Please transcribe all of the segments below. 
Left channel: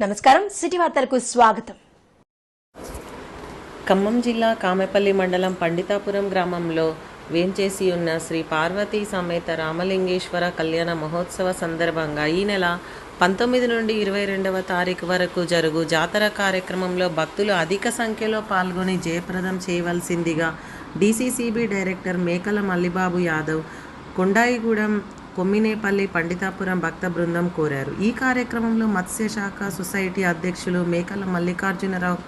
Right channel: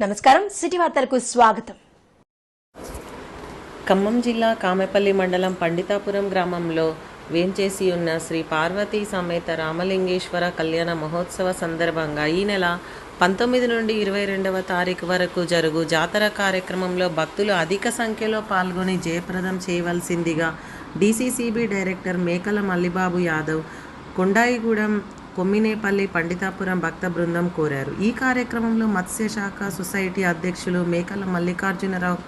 నమస్కారం. సిటీ వార్తలకు స్వాగతం. ఖమ్మం జిల్లా కామెపల్లి మండలం పండితాపురం గ్రామంలో వేంచేసి ఉన్న శ్రీ పార్వతీ సమేత రామలింగేశ్వర కళ్యాణ మహోత్సవ సందర్భంగా ఈ నెల పంతొమ్మిది నుండి ఇరవై రెండవ తారీఖు వరకు జరుగు జాతర కార్యక్రమంలో భక్తులు అధిక సంఖ్యలో పాల్గొని జయప్రదం చేయవలసిందిగా డీసీసీబీ డైరెక్టర్ మేకల మల్లిబాబు యాదవ్ కొండాయిగూడెం కొమ్మినేపల్లి పండితాపురం భక్త బృందం కోరారు. ఈ కార్యక్రమంలో మత్స్యశాఖ సొసైటీ అధ్యక్షులు మేకల మల్లికార్జునరావు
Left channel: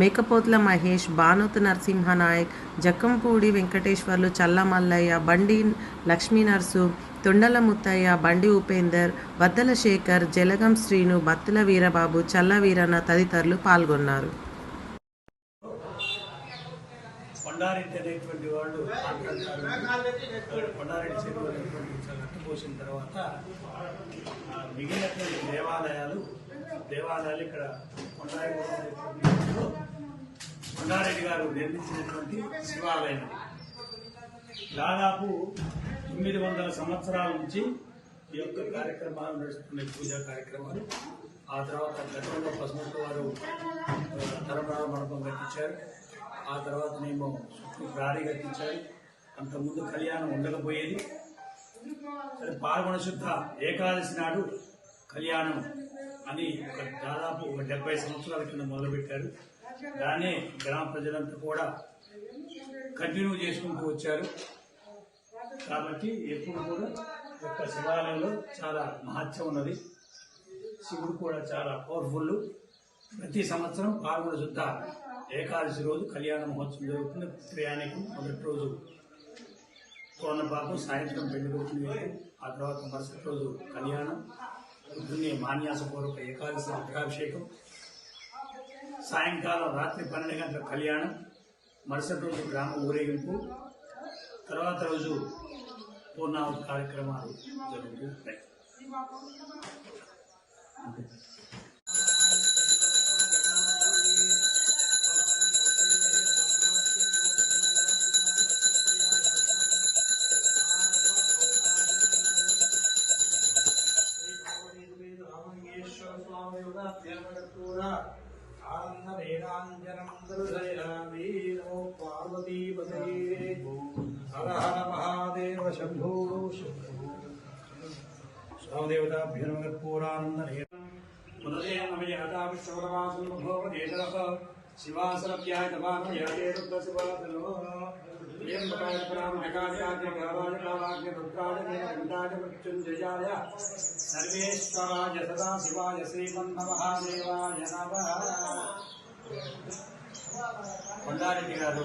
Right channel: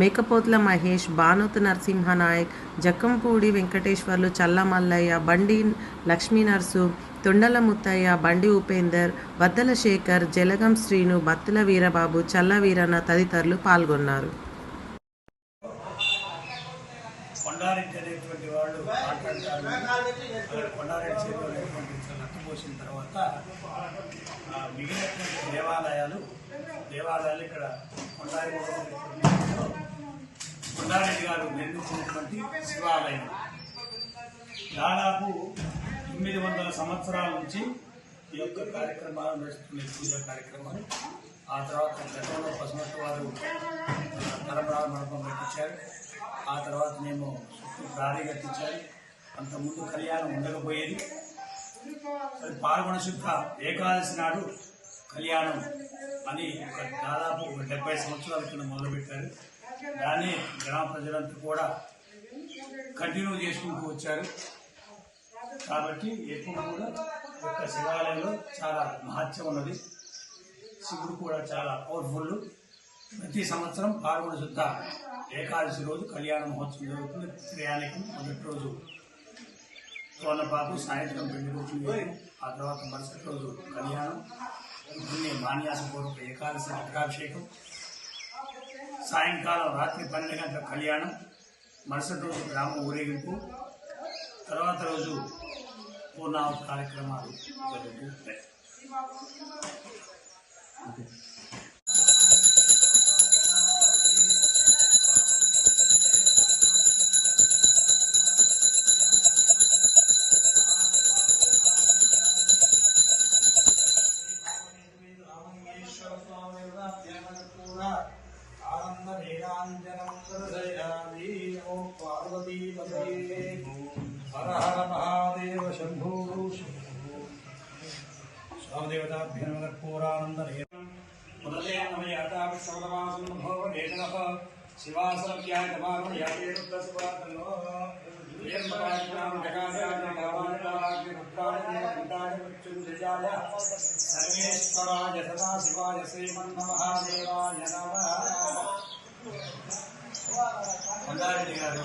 మేకపోత్ల మహేష్ బానోత్ నరసింహనాయక్ జక్కంపూడి వెంకటేశ్వర్లు చల్ల మల్లయ్య బండి లక్ష్మీ నర్సు తొండల ముత్తయ్య బండి ఉపేందర్ వద్దల శేఖర్ జలగం శ్రీను బత్తుల వీరబాబు చల్ల వీరన్న తదితరులు పాల్గొన్నారు. కొండారెడ్డి అనేటువంటి వాళ్ళు మాట్లాడతారు. అక్కడ కొండారెడ్డి చెరువు అనేటువంటి నట్టు పోసిన తర్వాత మిగిలినటువంటి దేవాలయాలు దేవాలయాలు ఇక్కడ కొండారెడ్డి కొండారెడ్డి గారు నిర్మించినటువంటి శివాలయం. దాదాపు తొమ్మిది వందల సంవత్సరాల నుంచి ఈ యొక్క కార్యక్రమాలు నడుస్తున్నాయి పూజా కార్యక్రమాలు. ఆ తర్వాత గతంలో పసుమట్టు వారు ఆ, మండపం కట్టించారు. ఆ తర్వాత మేము చుట్టూ ప్రారీ అంతకుముందు కళ్యాణం ఉండకపోయేది. అది పాల్గొన శుద్ధ ఏకాదశి నాడు కళ్యాణం అని ఒక దాదాపు ఒక డెబ్బై సంవత్సరాల కింద మొదలుపెట్టారు. దాన్ని గ్రామ ప్రజలంతా కూడా కంటిన్యూ చేసుకుంటూ వచ్చారు. కాబట్టి ఎప్పుడు కూడా యొక్క శివాలయంలో చాలా మహత్యం ఉన్నది. శివుడు కూడా చాలా పవర్ఫుల్ ప్రతి సంవత్సరం పాల్గొన శుద్ధ ఏకాదశి రోజు కళ్యాణ మహోత్సవం జరుగుతుంది. ప్రయాణికం మొదటి రోజు తోనపాకు సాయంత్రం పెళ్ళి కొడుకుని ఆ తర్వాత మరుసటి రోజు కళ్యాణం. పొద్దున్నే మాన్యాసపూర్వక ఏకాదశి అభిషేకం సాయంకాలం రాత్రి పన్నెండు గంటల కళ్యాణం. మరుసటి రోజు గ్రామ ఊరేగింపు. తర్వాత రోజు పూర్ణాహుతి కార్యక్రమాలు జరుగుతూ మహాదేవ శంభో. స్వామదేవతాభ్యర్మకర్పూరానంద మురళే నమయాతాపి శ్రవణమాసం భోవ నేతరః శివాసరభ్యాయ నమాన యాతే రుద్ర శివాతలో ఏం మకాల్పనాం రుద్రాయ నీలకంఠాయ మృత్యుంజయాయ సర్వేశ్వరాయ శివాయ శ్రీమన్న కొండారెడ్డి గారు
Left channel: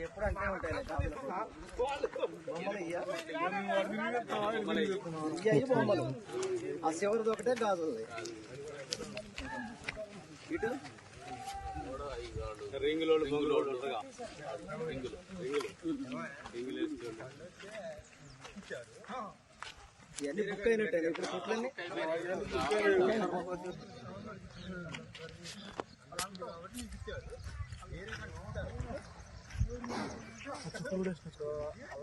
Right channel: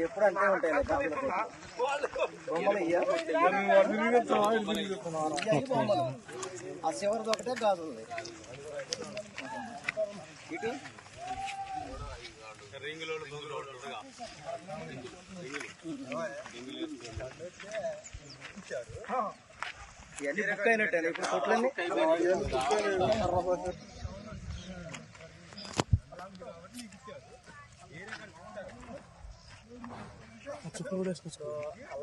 ఎప్పుడు అంతే ఉంటాయి బొమ్మలు ఇయ్య. ఇయ్య బొమ్మలు ఆ చివరిది ఒకటే గాజు ఉంది ఇటు ఇవన్నీ బుక్ అయినట్టే ఇప్పుడు కొట్లన్నీ.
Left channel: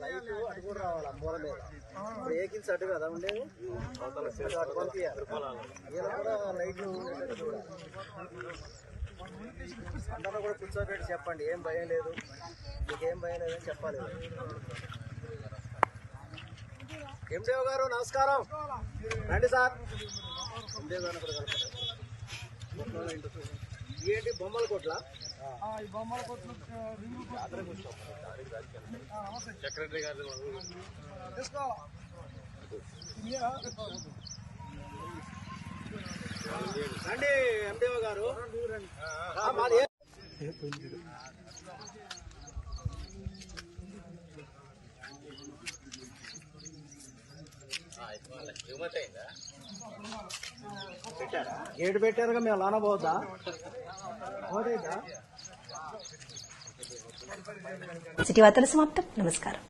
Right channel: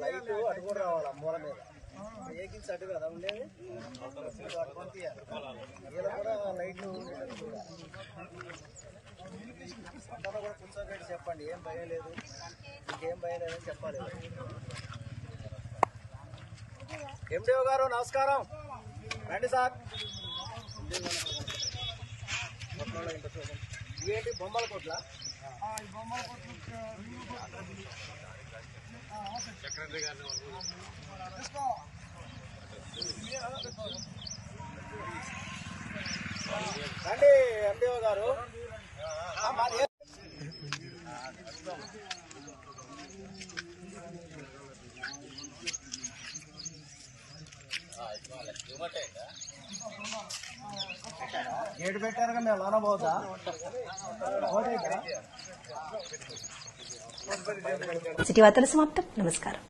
లైట్ అటు కూడా రావాలి మూల మీద వెహికల్స్ అటు కదా ఉండేవి అటు పంపించాలి వీళ్ళ కూడా లైట్లు ఉండేటట్టు చూడాలి అందరూ కూడా కూర్చోబెట్టి చెప్పండి ఏం భయం లేదు. మీకేం భయం లేదని చెప్పాలి ఎండిఓ గారు నమస్కారం. రండి సార్. ఎండిఓ గారు అక్కడ కలపండి. కొట్లలో ఇవేంటి బొమ్మల కొట్ల? రండి ఎండిఓ గారు. మాది ఏ- గేట్ పెట్టారుగా మేము లోన పోతా. పోతా సిటీ వార్తలు సమాప్తం. నమస్కారం.